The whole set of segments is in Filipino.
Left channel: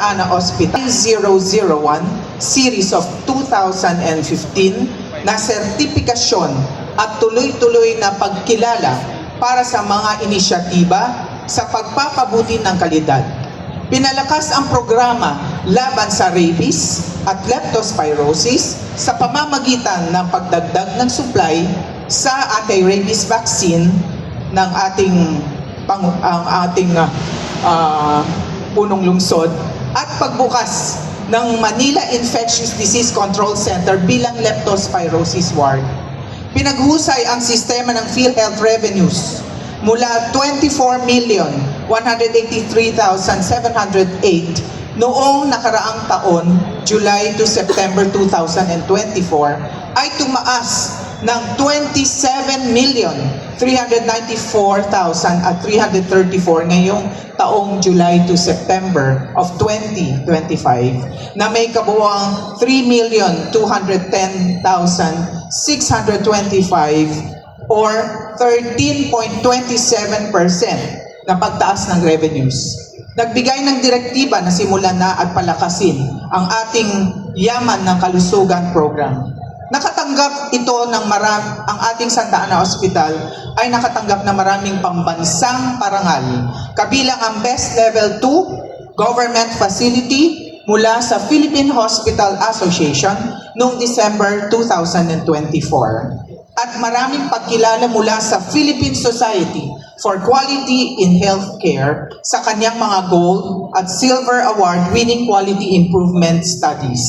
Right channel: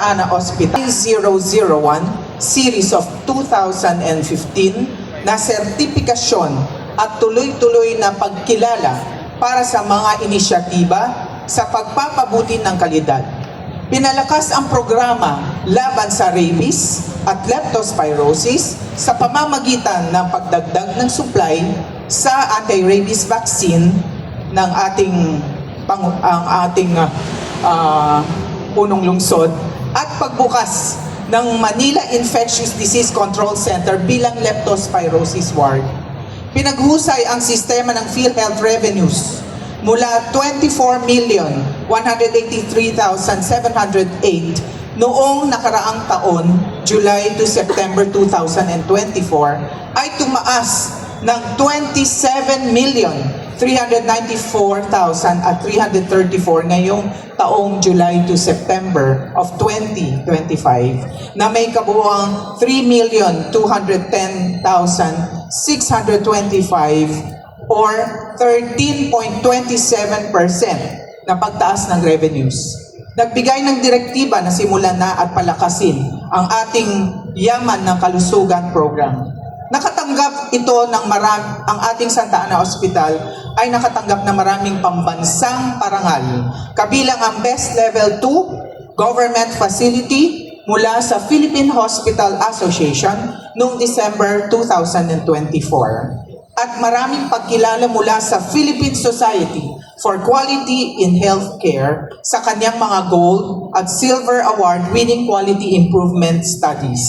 Ana Hospital 001 Series of 2015 na sertipikasyon at tuloy-tuloy na pagkilala para sa mga inisyatiba sa pagpapabuti ng kalidad. Pinalakas ang programa laban sa rabies at leptospirosis sa pamamagitan ng pagdagdag ng supply sa anti-rabies vaccine ng ating punong lungsod at pagbukas ng Manila Infectious Disease Control Center bilang leptospirosis ward. Pinaghusay ang sistema ng PhilHealth revenues mula 24,183,708 noong nakaraang taon, July to September 2024, ay tumaas ng 27,394,334 ngayong taong July to September of 2025 na may kabuuang 3,210,625 or 13.27% na pagtaas ng revenues. Nagbigay ng direktiba na simulan na at palakasin ang ating Yaman ng Kalusugan program. Nakatanggap ito ng ang ating Santa Ana Hospital ay nakatanggap na maraming pambansang parangal, kabilang ang Best Level 2 Government Facility mula sa Philippine Hospital Association noong December 2024. At maraming pagkilala mula sa Philippine Society for Quality in Healthcare sa kanyang mga Gold at Silver Award-winning quality improvement studies.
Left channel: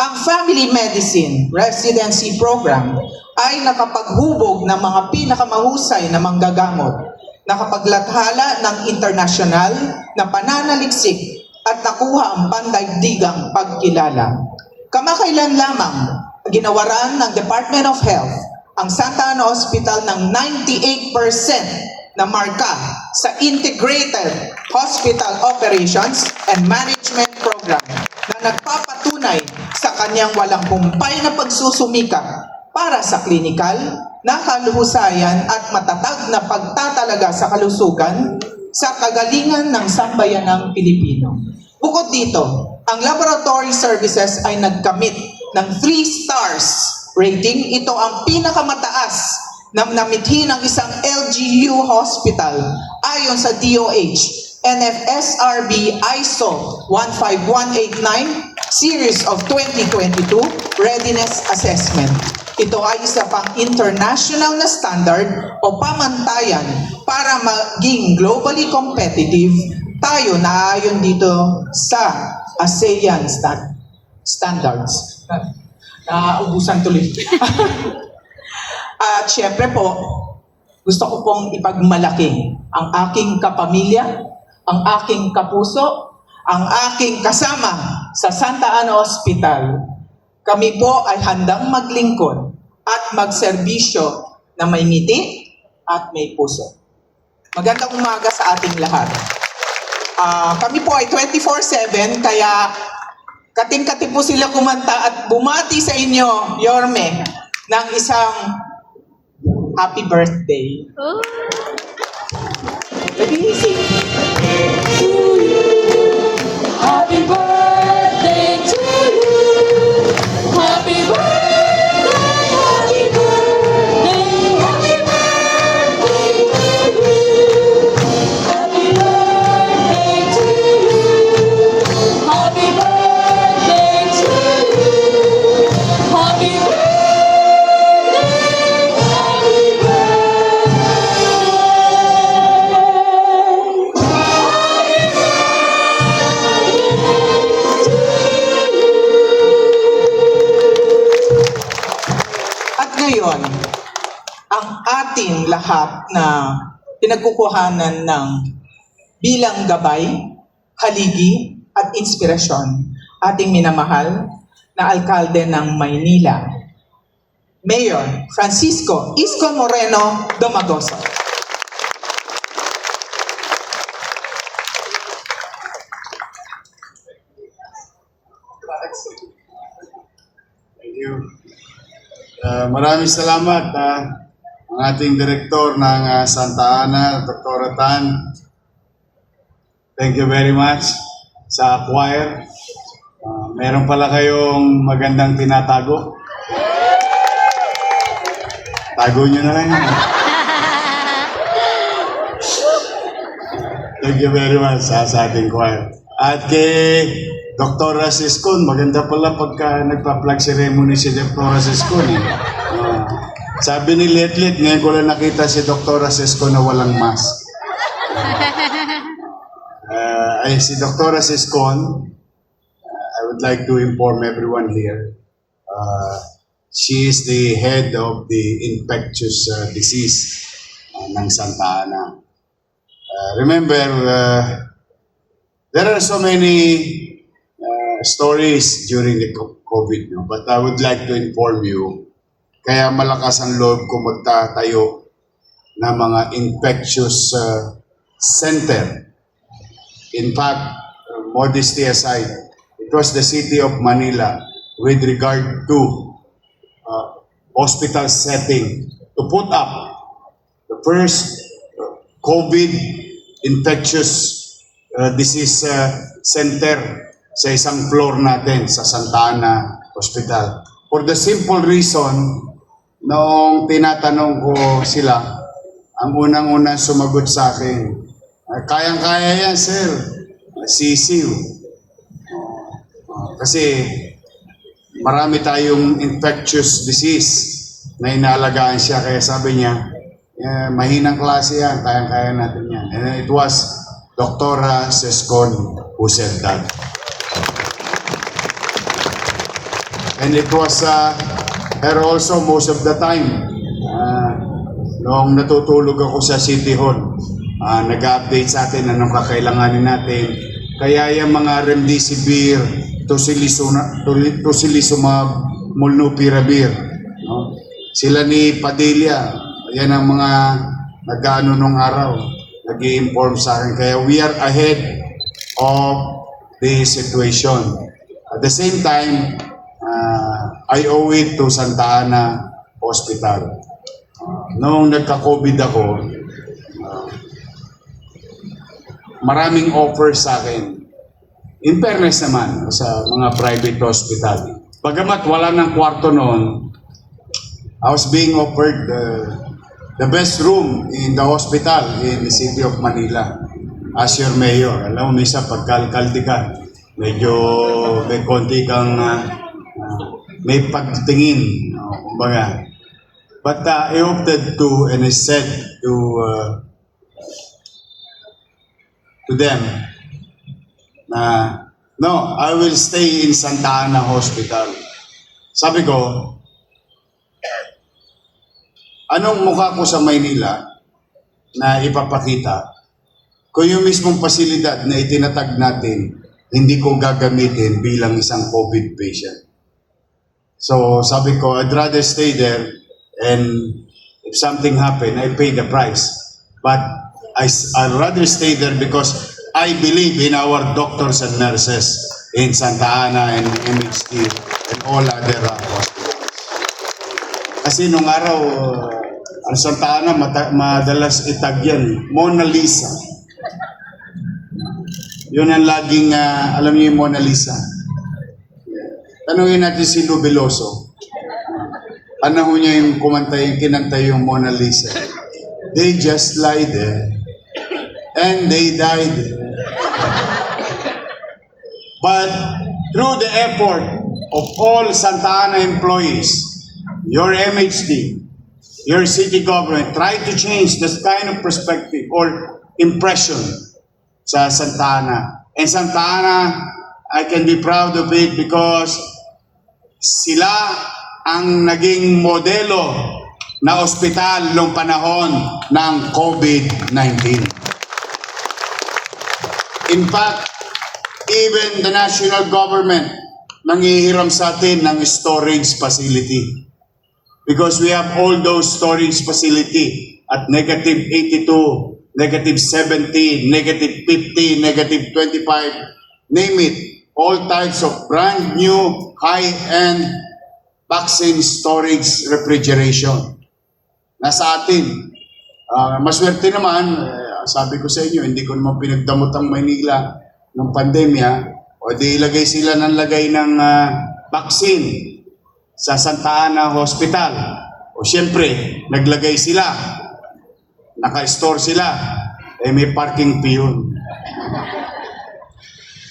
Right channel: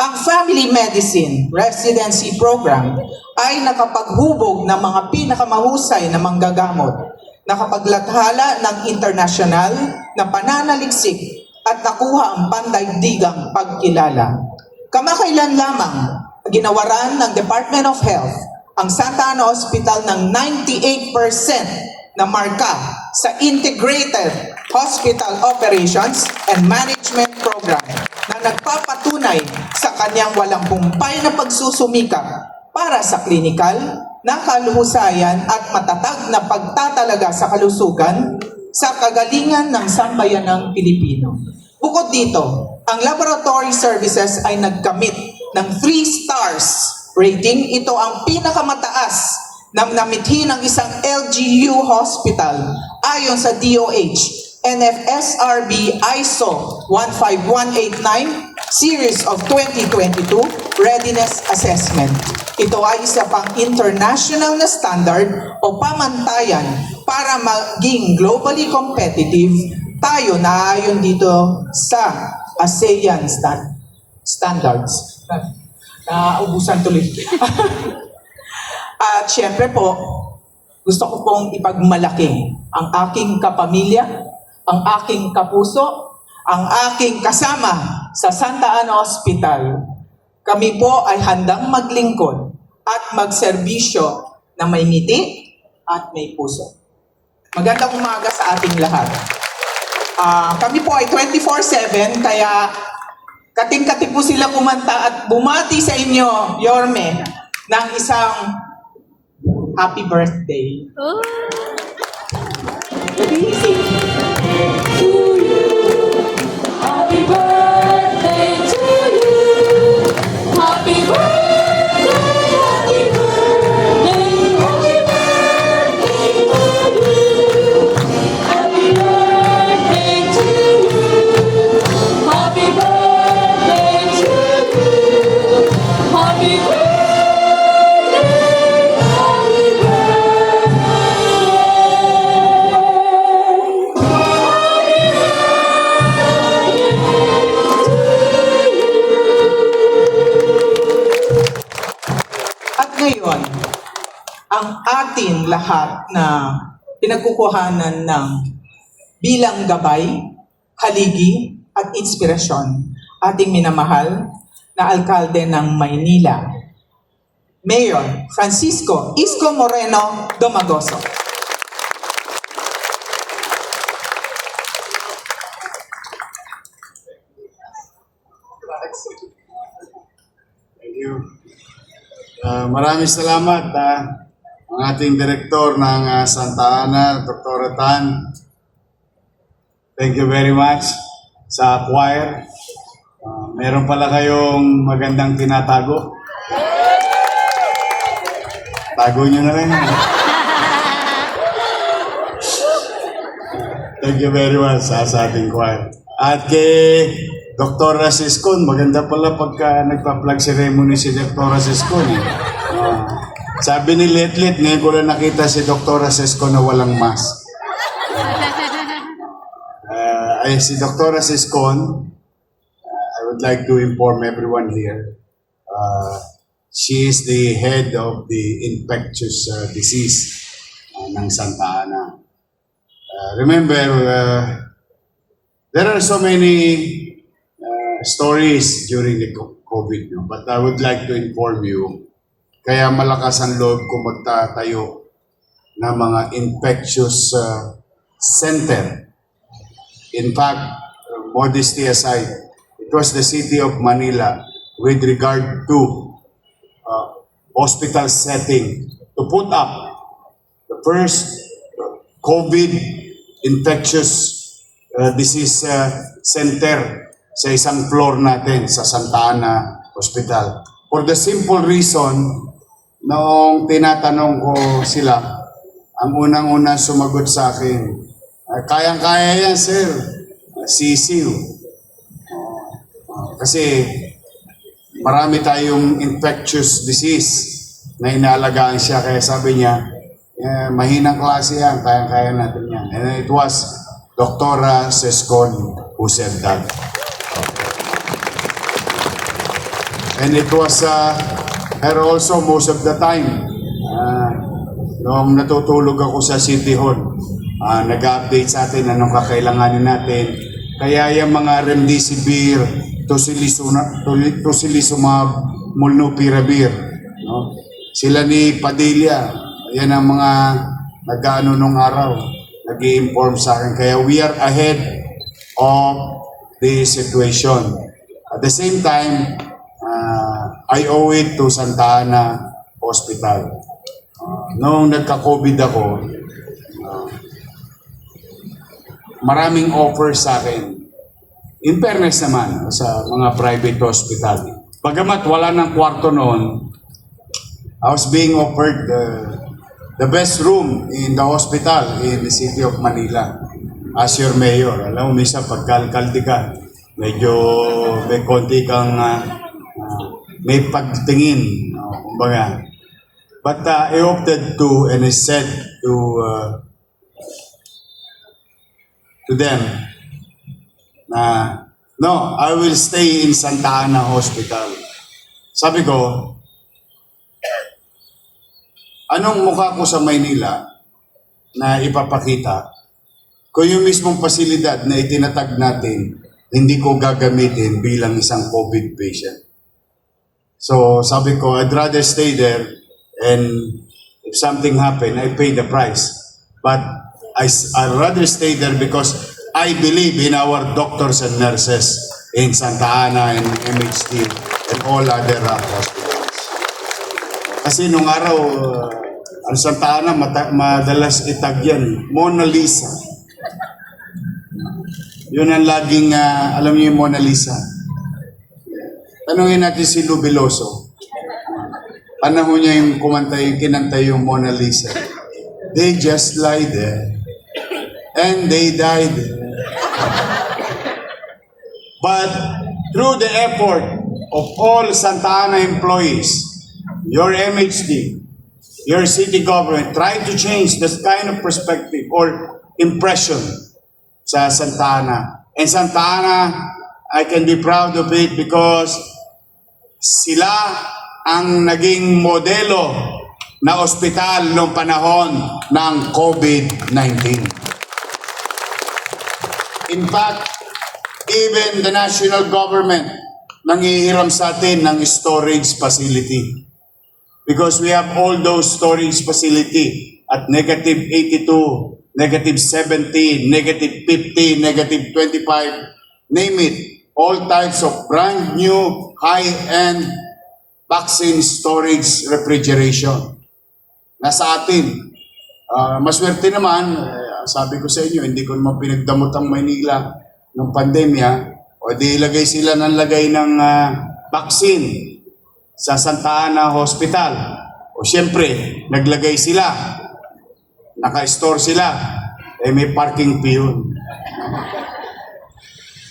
Ang Family Medicine Residency Program ay nakapaghubog ng mga pinakamahusay na manggagamot, nakapaglathala ng internasyonal na pananaliksik at nakuha ang pandaigdigang pagkilala. Kamakailan lamang, ginawaran ng Department of Health ang Santa Ana Hospital ng 98% na marka sa Integrated Hospital Operations and Management Program na nagpapatunay sa kanyang walang humpay na pagsusumikap para sa klinikal na kaluhusayan at matatag na pagtatalaga sa kalusugan sa kagalingan ng sambayanang Pilipino. Bukod dito, ang laboratory services ay nagkamit ng 3 stars rating. Ito ang pinakamataas na namithi ng isang LGU hospital ayon sa DOH NFSRB ISO 15189 Series of 2022 Readiness Assessment. Ito ay isa pang international na standard o pamantayan para maging globally competitive tayo na ayon dito sa ASEAN standards. Naubusan tuloy. At syempre po, gusto ko pong ipagmalaki ang aking kapamilya, ang aking kapuso, ang aking kasama sa Santa Ana Hospital. Kami po ay handang maglingkod at magserbisyo na may ngiti at may puso. Magandang umaga sa ating lahat. Kami po ay 24/7, kaya kating-kating po sila kumanta at bumati sa inyo, Yorme, ng isang happy birthday. Oh. Happy birthday to you. Happy birthday, happy birthday, happy birthday to you. Happy birthday to you. Happy birthday to you. Happy birthday, happy Ngayon, ang ating lahat na pinagkukuhanan ng bilang gabay, haligi at inspirasyon, ating minamahal na alkalde ng Maynila, Mayor Francisco Isko Moreno Domagoso. Thank you. Maraming salamat ang ating direktor ng Santa Ana, Dr. Tan. Thank you very much. sa choir. Meron pala kayong magandang tinatago. Tago nyo na lang yan. Thank you very much sa ating choir. At kay Dr. Siskon, maganda pala pagka nagpa-flag ceremony si Dr. Siskon. Sabi ni Letlet, ngayon ko lang nakita si Dr. Siskon na walang mask. Si Dr. Siskon, I would like to inform everyone here. She is the head of the infectious disease ng Santa Ana. Remember, there are so many stories during the COVID, no? But I would like to inform you, kaya malakas ang loob ko magtatayo ng mga infectious center. In fact, modesty aside, it was the city of Manila with regard to hospital setting to put up the first COVID infectious disease center sa isang floor natin sa Santa Ana Hospital. For the simple reason, noong tinatanong ko sila, ang unang-unang sumagot sa akin, kayang-kaya yan, sir. Sisiw. Kasi marami tayong infectious disease na inaalagaan siya. Kaya sabi niya, mahinang klase yan, kayang-kaya natin yan. And it was Dr. Siskon who said that. And it was her also most of the time. Noong natutulog ako sa City Hall, nag-update sa atin anong kakailanganin natin. Kaya yung mga remdesivir, tocilizumab, molnupiravir. No? Sila ni Padilla, yan ang mga nag-ano nung araw, nag-i-inform sa akin. Kaya we are ahead of the situation. At the same time, I owe it to Santa Ana Hospital. Noong nagka-COVID ako, maraming offers sa akin. In fairness naman, sa mga private hospital. Bagamat wala ng kwarto noon, I was being offered the best room in the hospital in the city of Manila as your mayor. Alam mo, minsan pagkalkaldi ka, medyo may konti kang may pagtingin. Kumbaga. But I opted to, and I said to them, no, I will stay in Santa Ana Hospital. Sabi ko, anong mukha ko sa Maynila na ipapakita kung yung mismong pasilidad na itinatag natin, hindi ko gagamitin bilang isang COVID patient. So sabi ko, I'd rather stay there and if something happen, I pay the price. But I'd rather stay there because I believe in our doctors and nurses in Santa Ana and MHT and all other hospitals. Kasi nung araw, ang Santa Ana madalas itag yan, Mona Lisa. Yun ang laging, alam niyo yung Mona Lisa. Tanungin natin si Lubiloso. Panahon niya yung kinanta yung Mona Lisa. They just lie there. And they died. But through the effort of all Santa Ana employees, your MHD, your city government, try to change this kind of perspective or impression sa Santa Ana. And Santa Ana, I can be proud of it because sila ang naging modelo na ospital noong panahon ng COVID-19. In fact, even the national government nangihiram sa atin ng storage facility. Because we have all those storage facility at negative 82, negative 70, negative 50, negative 25, name it. All types of brand new, high-end vaccine storage refrigeration. Nasa atin. Maswerte naman, sabi ko sa inyo, hindi ko naman pinagdamot ang Maynila. nung pandemya, o di ilagay sila ng lagay ng vaccine sa Santa Ana Hospital. O siyempre, naglagay sila, naka-store sila, may parking fee yun.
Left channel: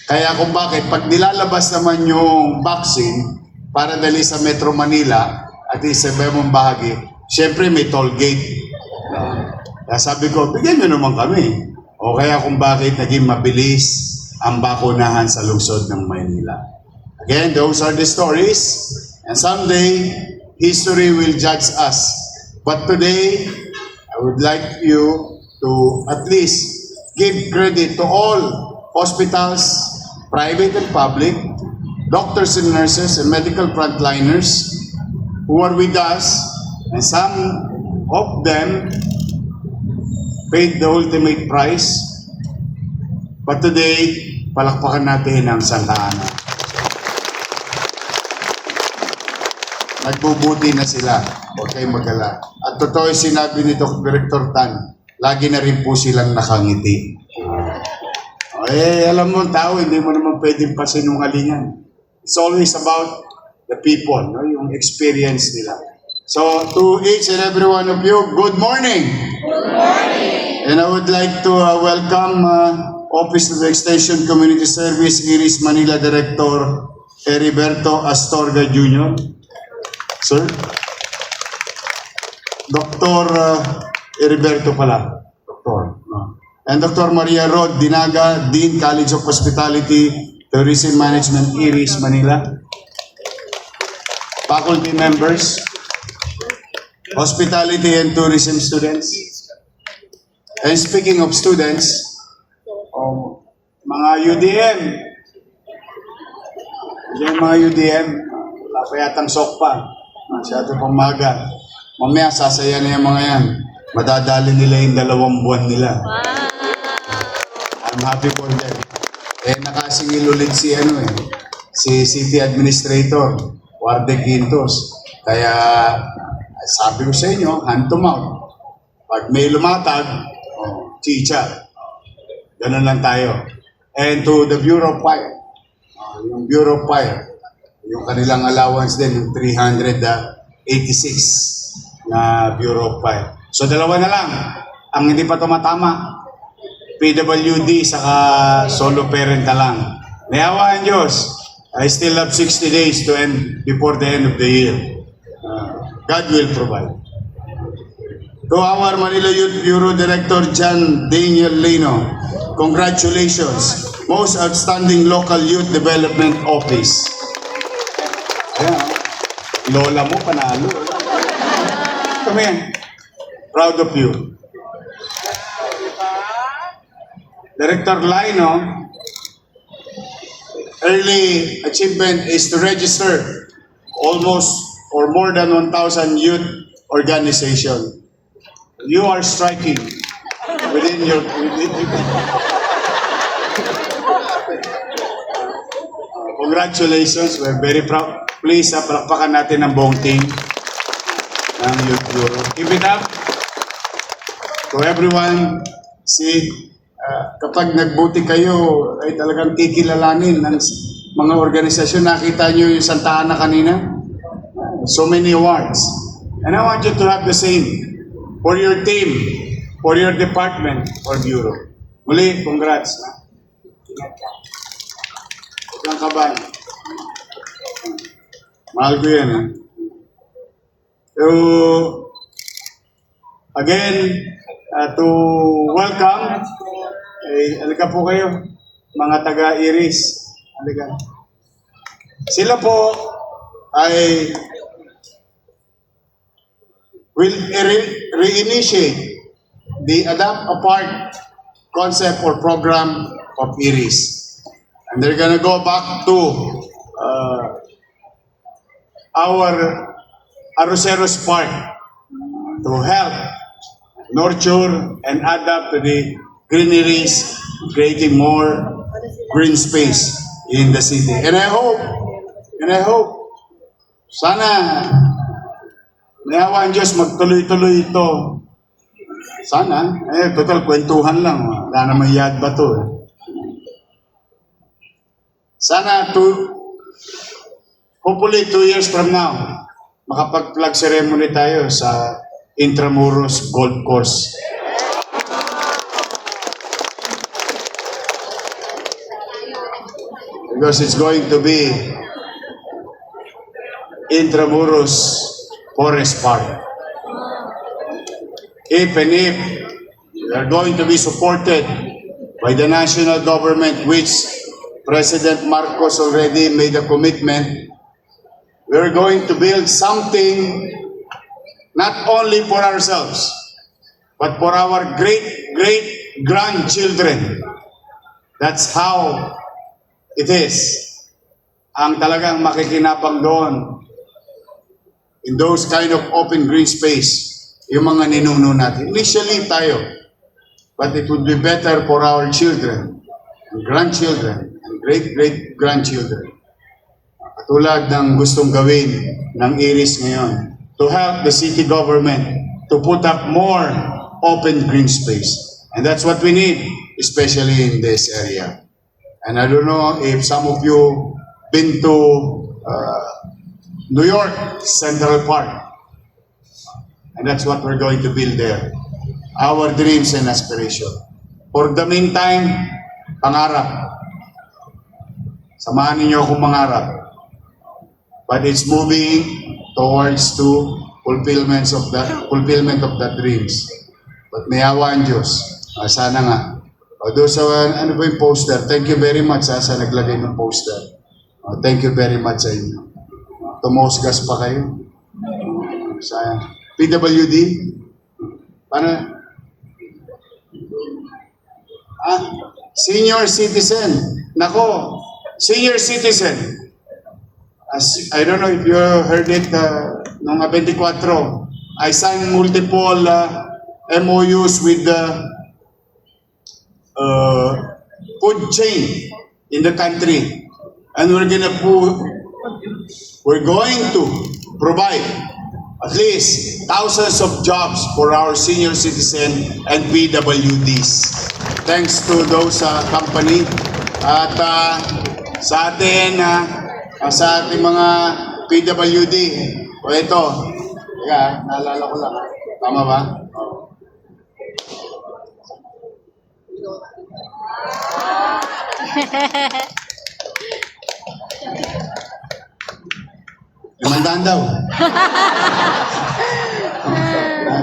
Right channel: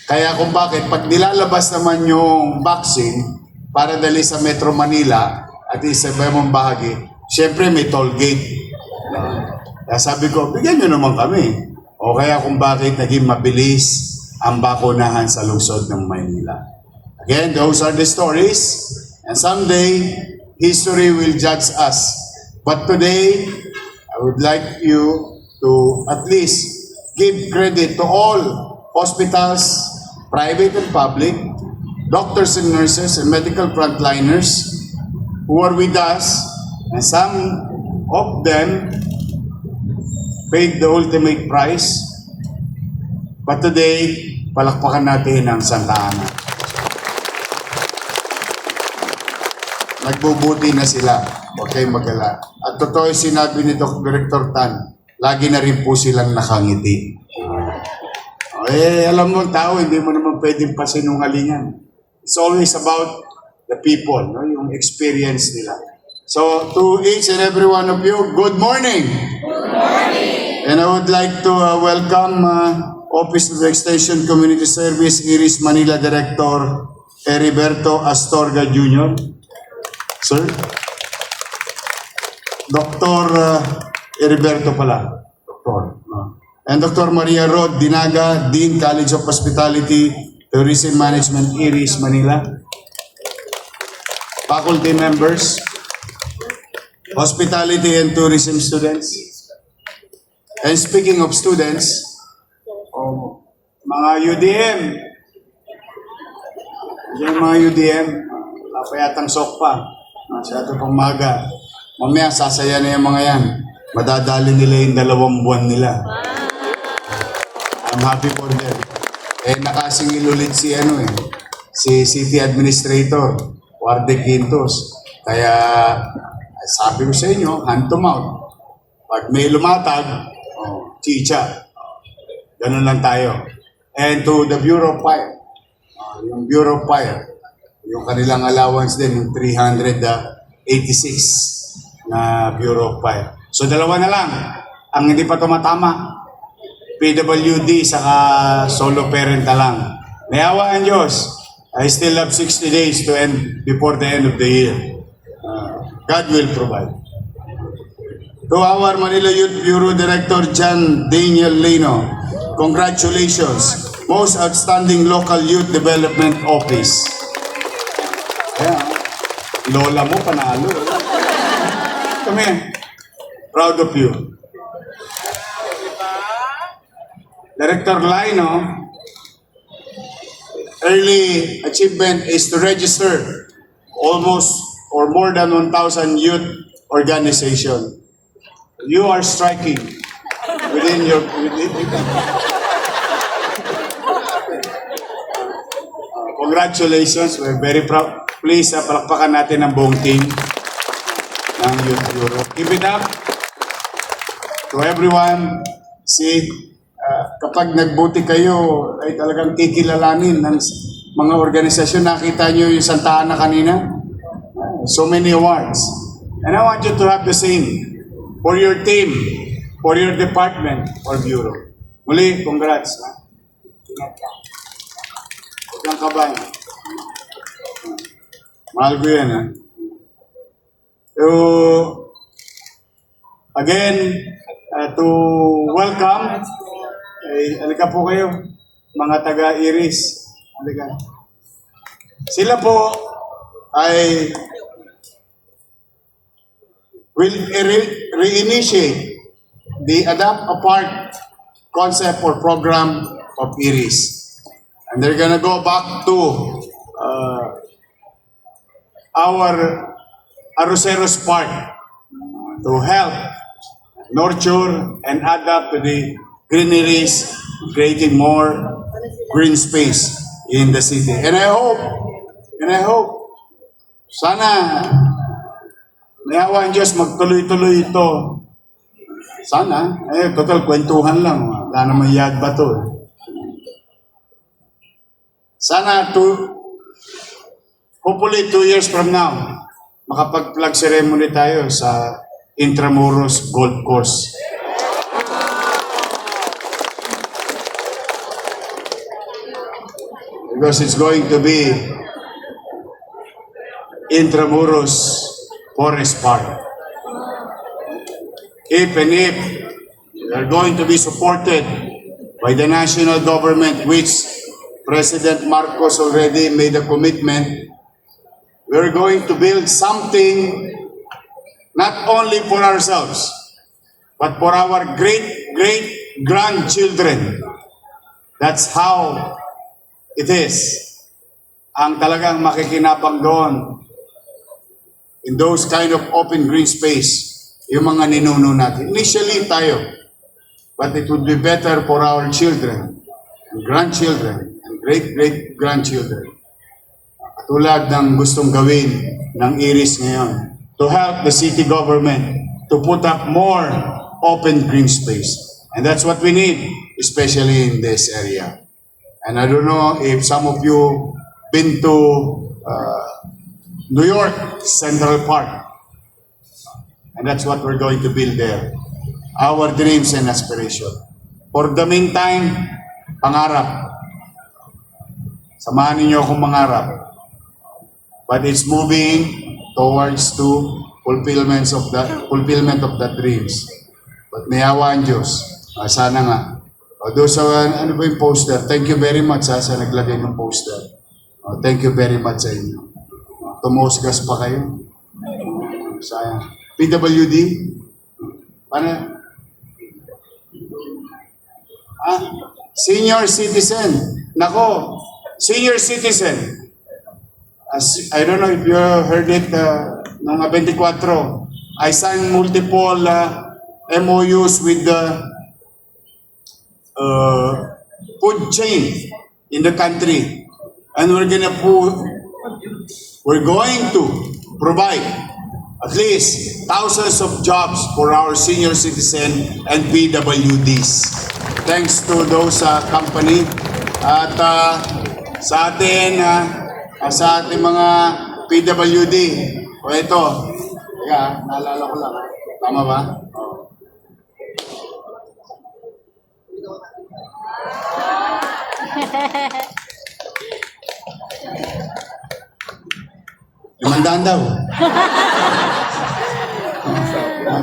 Kaya kung bakit, pag nilalabas naman yung vaccine para dali sa Metro Manila at sa ibang bahagi, siyempre may toll gate. Kaya sabi ko, bigyan nyo naman kami. O kaya kung bakit naging mabilis ang bakunahan sa lungsod ng Maynila. Again, those are the stories. And someday, history will judge us. But today, I would like you to at least give credit to all hospitals, private and public, doctors and nurses and medical frontliners who are with us, and some of them paid the ultimate price. But today, palakpakan natin ang Santa Ana. Nagbubuti na sila. Huwag kayong mag-alala. At totoo yung sinabi ni Director Tan, lagi na rin po silang nakangiti. Alam mo, tao, hindi mo naman pwedeng pasinungalingan. It's always about the people, no? Yung experience nila. So, to each and every one of you, good morning! Good morning! And I would like to welcome Office of Extension Community Service, Iris Manila Director Heriberto Astorga Jr. Sir? Dr. Heriberto pala. Doctor. And Dr. Maria Rod Dinaga, Dean College of Hospitality, Tourism Management, Iris, Manila. Faculty members, hospitality and tourism students. And speaking of students, mga UDM, yung mga UDM, wala pa yatang sok pa. Masyado pang maga. Mamaya, sasaya na yung mga yan. Madadali nila yung 2 buwan nila. I'm happy for them. Nakasingil ulit si City Administrator, Warde Quintos. Kaya, sabi ko sa inyo, hand to mouth. Pag may lumatag, chicha. Ganun lang tayo. And to the Bureau of Fire, yung Bureau of Fire, yung kanilang allowance din, yung 386 na Bureau of Fire. So 2 na lang ang hindi pa tumatama. PWD saka solo parent na lang. May awa ang Diyos. I still have 60 days to end before the end of the year. God will provide. To our Manila Youth Bureau Director John Daniel Lino, congratulations. Most Outstanding Local Youth Development Office. Ayan, lola mo panalo. Come here. Proud of you. Director Lino, early achievement is to register almost or more than 1,000 youth organization. You are striking within your... Congratulations, we're very proud. Please, palakpakan natin ang buong team ng Youth Bureau. Keep it up to everyone. See, kapag nagbuti kayo, ay talagang kikilalanin ng mga organisasyon. Nakita nyo yung Santa Ana kanina? So many awards. And I want you to have the same for your team, for your department or bureau. Muli, congrats. Huwag kang kabahan. Mahal ko yan. So, again, to welcome, halika po kayo, mga taga-Iris. Halika. Sila po ay will reinitiate the Adapt Apart concept or program of Iris. And they're gonna go back to our Arroceros Park to help nurture and adapt to the greeneries, creating more green space in the city. And I hope, sana nayawa ang Diyos magtuloy-tuloy ito. Sana, total kwentuhan lang. Wala namang yad ba to. Sana hopefully 2 years from now, makapag-flag ceremony tayo sa Intramuros Golf Course. Because it's going to be Intramuros Forest Park. If we are going to be supported by the national government, which President Marcos already made a commitment, we're going to build something not only for ourselves, but for our great-grandchildren. That's how it is. Ang talagang makikinabang doon in those kind of open green space, yung mga ninuno natin. Initially tayo, but it would be better for our children, and grandchildren, and great-great-grandchildren. Katulad ng gustong gawin ng IRIS ngayon, to help the city government to put up more open green space. And that's what we need, especially in this area. And I don't know if some of you been to New York Central Park. And that's what we're going to build there. Our dreams and aspiration. For the meantime, pangarap. Samahan ninyo akong mangarap. But it's moving towards to fulfillment of the dreams. But may awa ang Diyos. Sana nga. Doon sa, ano ba yung poster? Thank you very much sa naglagay ng poster. Thank you very much sa inyo. Tumusgas pa kayo. Sayang. PWD? Paano? Senior citizen. Nako, senior citizen. I don't know if you heard it noong 24. I signed multiple MOUs with the food chain in the country. And we're going to provide at least thousands of jobs for our senior citizen and PWDs. Thanks to those company at sa atin sa ating mga PWD. O ito, teka, naalala ko lang. Tama ba? Oh. Limandaan daw.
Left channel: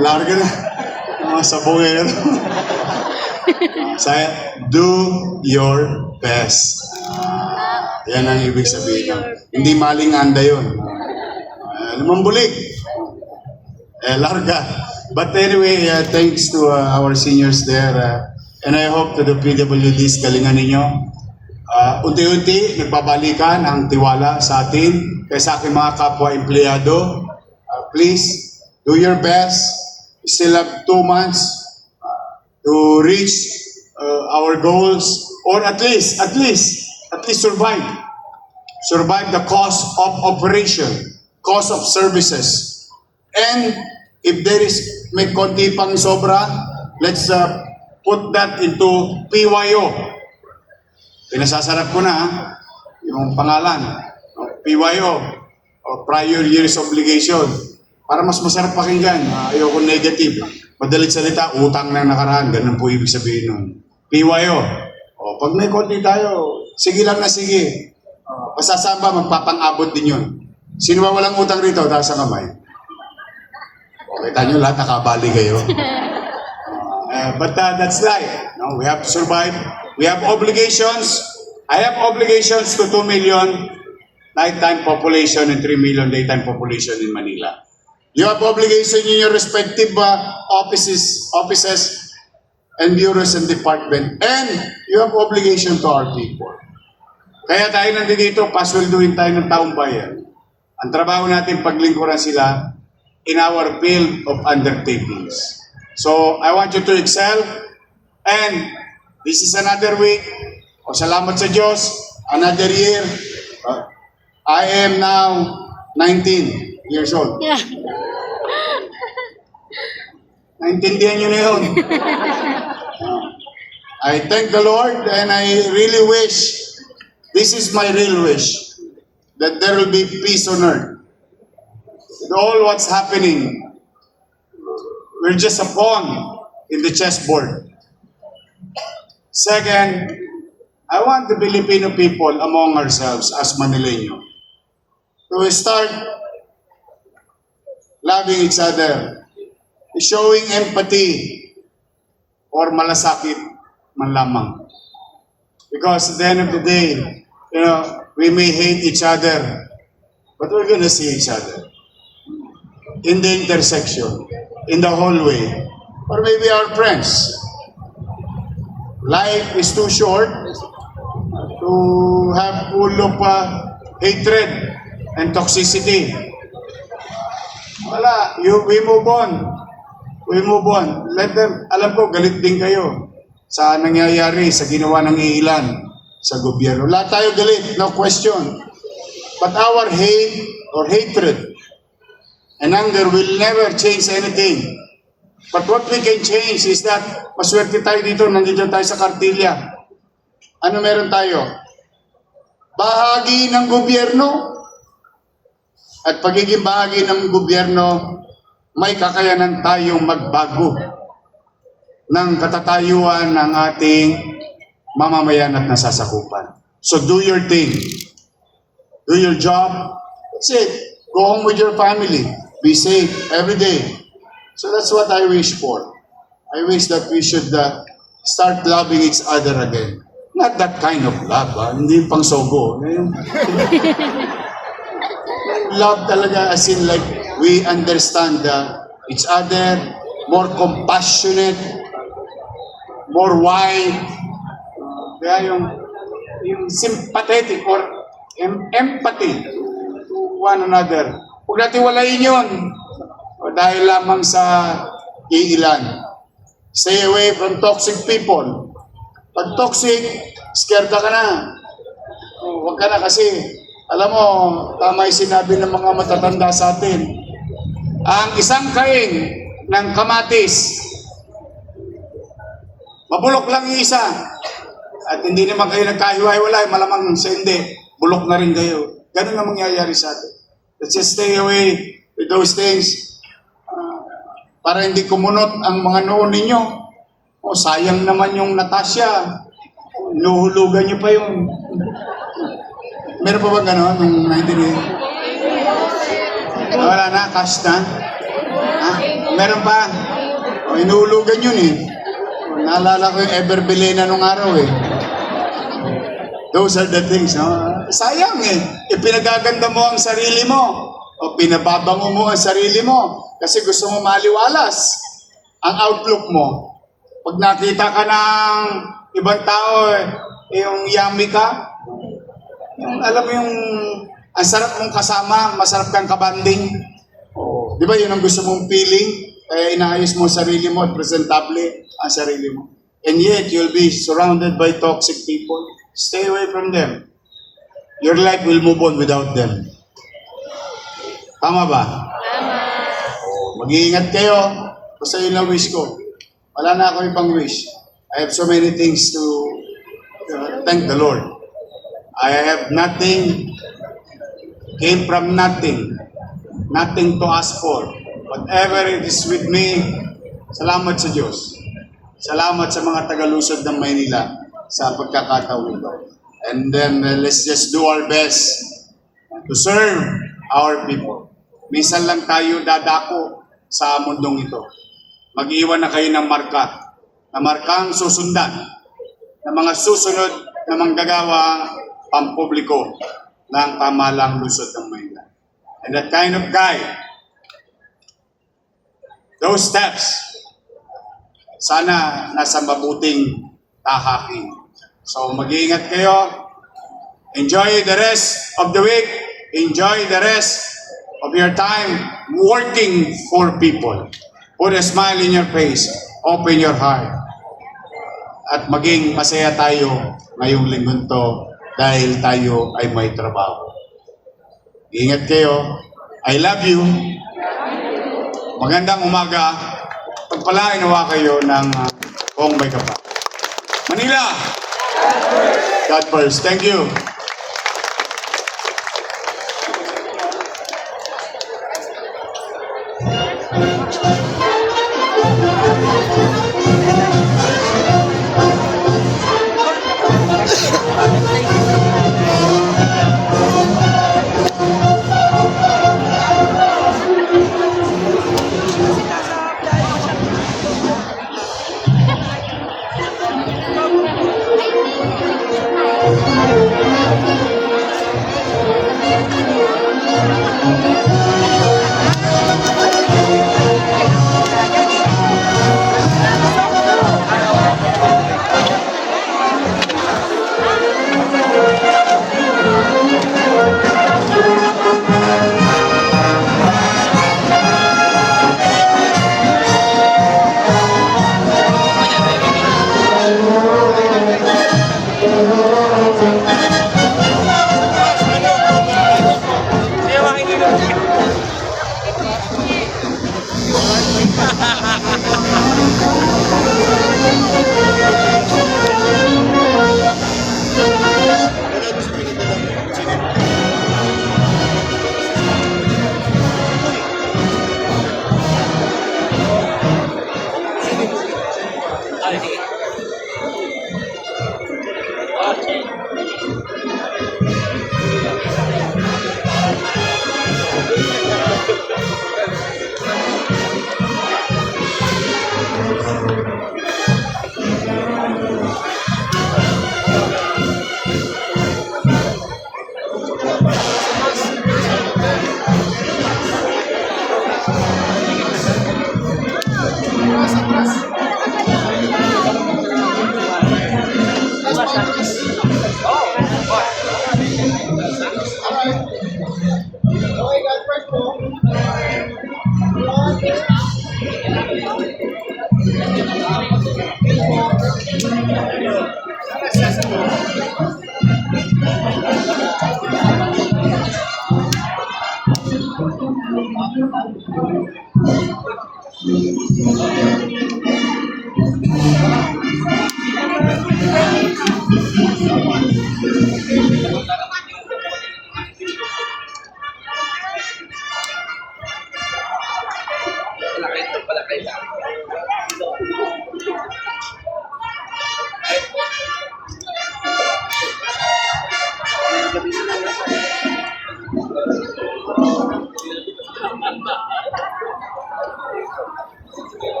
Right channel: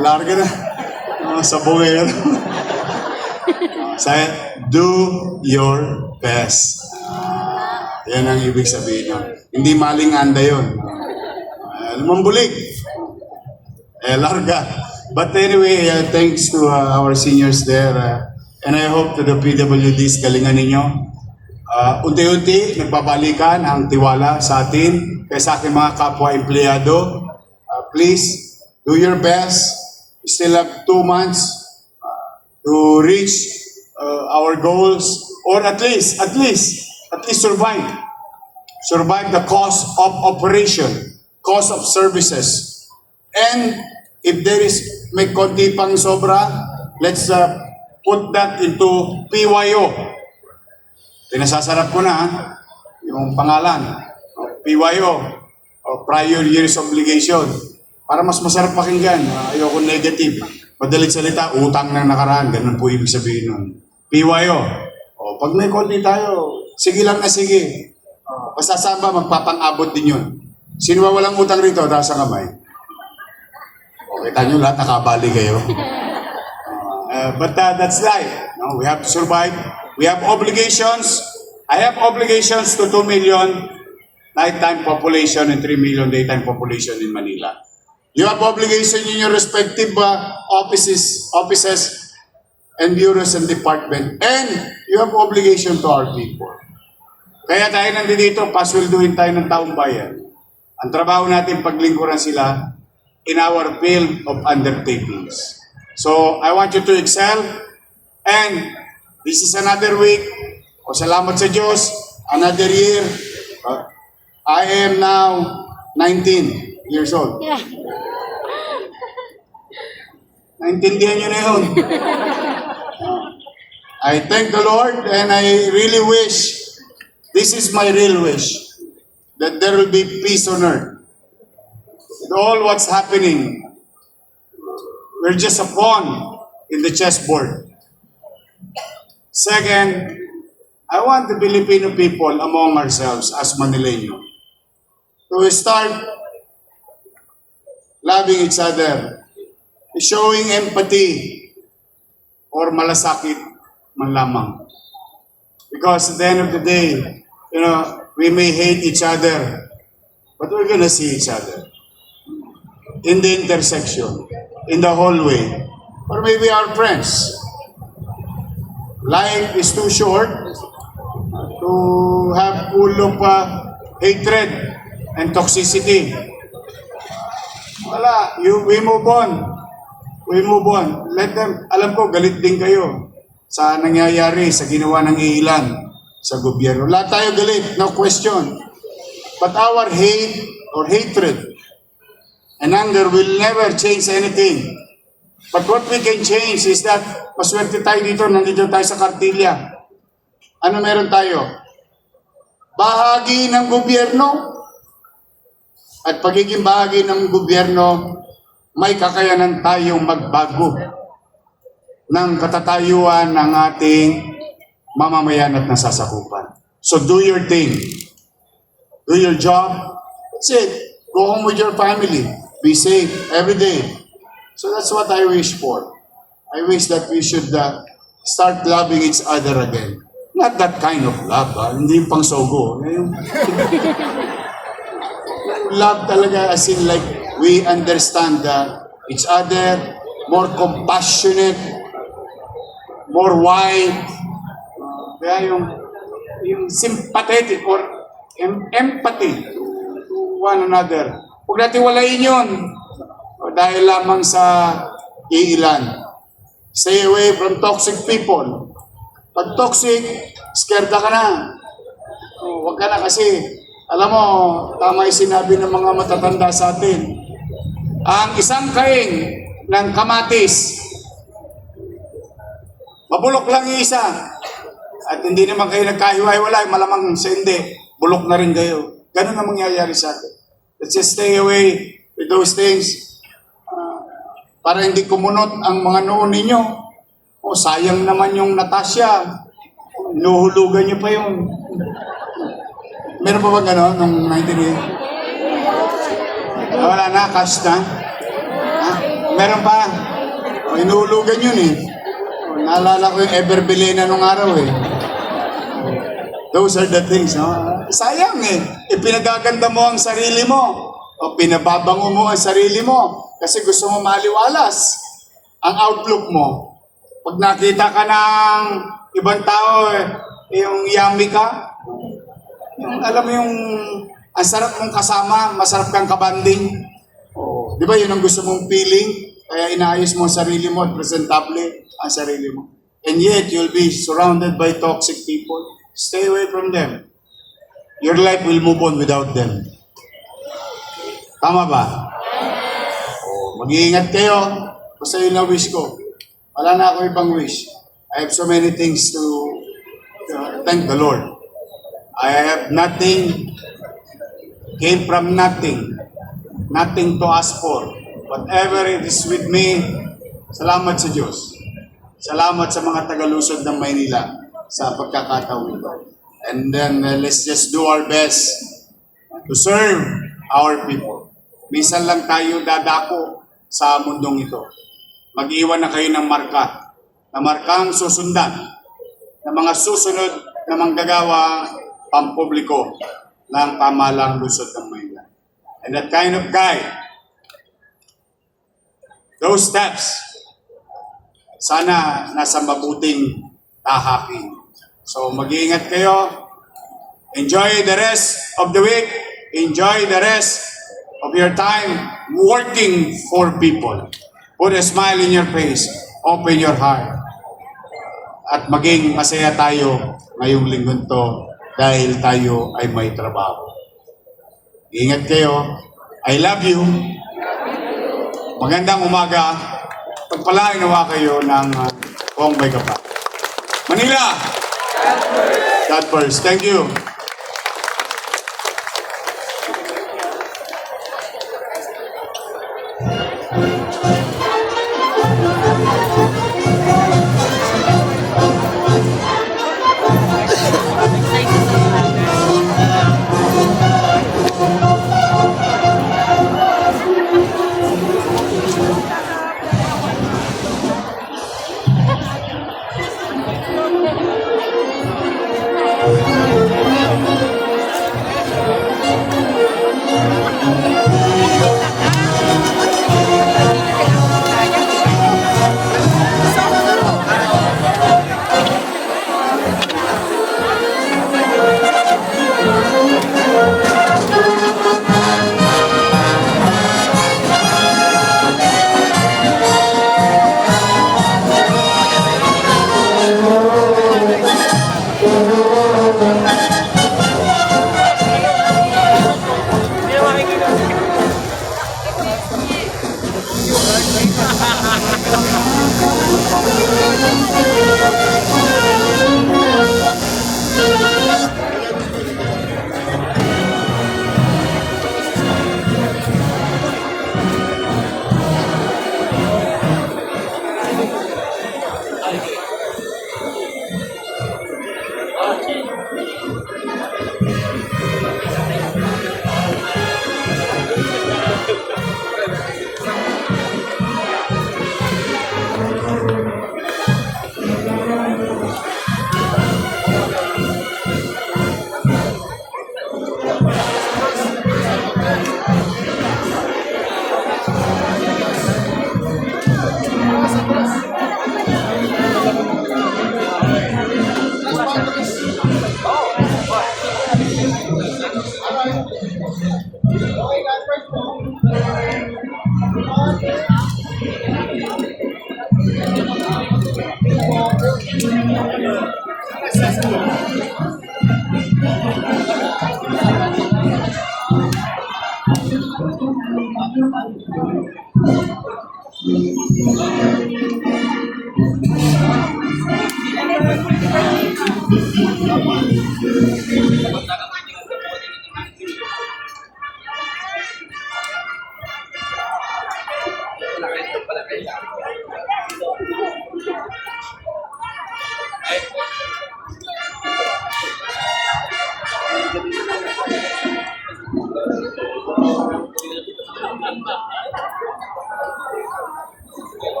Larga na. Sabongero. Saya, do your best. Yan ang ibig sabihin nun. Hindi maling anda yun. Lumambulig. Larga. But anyway, thanks to our seniors there. And I hope to the PWDs, galingan ninyo. Unti-unti, nagbabalikan ang tiwala sa atin, kaya sa aking mga kapwa-empleyado. Please, do your best. We still have 2 months to reach our goals, or at least survive. Survive the cost of operation, cost of services. And if there is may konti pang sobra, let's put that into PYO. Pinasasarap ko na yung pangalan. PYO, prior years obligation. Para mas masarap pakinggan. Ayoko negative. Madalit salita, utang na nakaraan. Ganun po ibig sabihin nun. PYO. Pag may konti tayo, sige lang na sige. Basta saan ba, magpapang-abot din yun. Sino ba walang utang rito? Taas ang kamay. Kita nyo lahat, nakabali kayo. But that's life. No, we have to survive. We have obligations. I have obligations to 2 million nighttime population and 3 million daytime population in Manila. You have obligation in your respective offices and bureaus and department, and you have obligation to our people. Kaya tayo nandito, pasweldohin tayo ng taong bayan. Ang trabaho natin, paglingkuran sila in our field of undertakings. So, I want you to excel, and this is another week. Salamat sa Diyos, another year. I am now 19 years old. Naintindihan nyo na yun. I thank the Lord, and I really wish This is my real wish, that there will be peace on earth. With all what's happening, we're just a pawn in the chessboard. Second, I want the Filipino people among ourselves as Manileño to start loving each other, showing empathy or malasakit man lamang. Because at the end of the day, we may hate each other, but we're gonna see each other in the intersection, in the hallway, or maybe our friends. Life is too short to have full of hatred and toxicity. Wala, we move on. We move on. Let them, alam ko, galit din kayo sa nangyayari, sa ginawa ng ilan sa gobyerno. Lahat tayo galit, no question. But our hate or hatred and anger will never change anything. But what we can change is that maswerte tayo dito, nandito tayo sa Kartilya. Ano meron tayo? Bahagi ng gobyerno. At pagiging bahagi ng gobyerno, may kakayanan tayong magbago ng katatayuan ng ating mamamayan at nasasakupan. So do your thing. Do your job. That's it. Go home with your family. Be safe every day. So that's what I wish for. I wish that we should start loving each other again. Not that kind of love, hindi yung pang sogo. Yung love talaga as in like we understand each other, more compassionate, more wide. Kaya yung sympathetic or empathy to one another. Huwag natin walayin yun. O dahil lamang sa iilan. Stay away from toxic people. Pag toxic, scared ka na. O, huwag ka na kasi, alam mo, tama yung sinabi ng mga matatanda sa atin. Ang isang kaing ng kamatis, mabulok lang yung isa. At hindi naman kayo nagkahiwa-hiwalay, malamang sa hindi, bulok na rin kayo. Ganun ang mangyayari sa atin. Let's just stay away with those things. Para hindi kumunot ang mga noon ninyo. O sayang naman yung Natasha. Nuhulugan niyo pa yun. Meron pa ba gano'n nung 1980? Wala na, cash na. Ha? Meron pa. O, inuhulugan yun eh. O, naalala ko yung Everbelena nung araw eh. Those are the things. No? Sayang eh. Ipinagaganda mo ang sarili mo. O pinababango mo ang sarili mo. Kasi gusto mo maliwalas ang outlook mo. Pag nakita ka ng ibang tao, yung yummy ka, yung alam mo yung ang sarap mong kasama, masarap kang kabanding. Oh, di ba yun ang gusto mong feeling? Kaya inaayos mo ang sarili mo at presentable ang sarili mo. And yet, you'll be surrounded by toxic people. Stay away from them. Your life will move on without them. Tama ba? Mag-iingat kayo. Basta yun lang wish ko. Wala na ako ibang wish. I have so many things to thank the Lord. I have nothing, came from nothing. Nothing to ask for. Whatever it is with me, salamat sa Diyos. Salamat sa mga taga-Luzon ng Maynila sa pagkakataon ito. And then let's just do our best to serve our people. Minsan lang tayo dadako sa mundong ito. Mag-iwan na kayo ng marka, na markang susundan, na mga susunod na manggagawa pampubliko ng pamahalang Luzon ng Maynila. And that kind of guy, those steps, sana nasa mabuting tahaking. So mag-iingat kayo. Enjoy the rest of the week. Enjoy the rest of your time working for people. Put a smile in your face. Open your heart. At maging masaya tayo ngayong linggon to dahil tayo ay may trabaho. Ingat kayo. I love you. Magandang umaga. Pagpalain nawa kayo ng kung may kapal. Manila! God first. Thank you.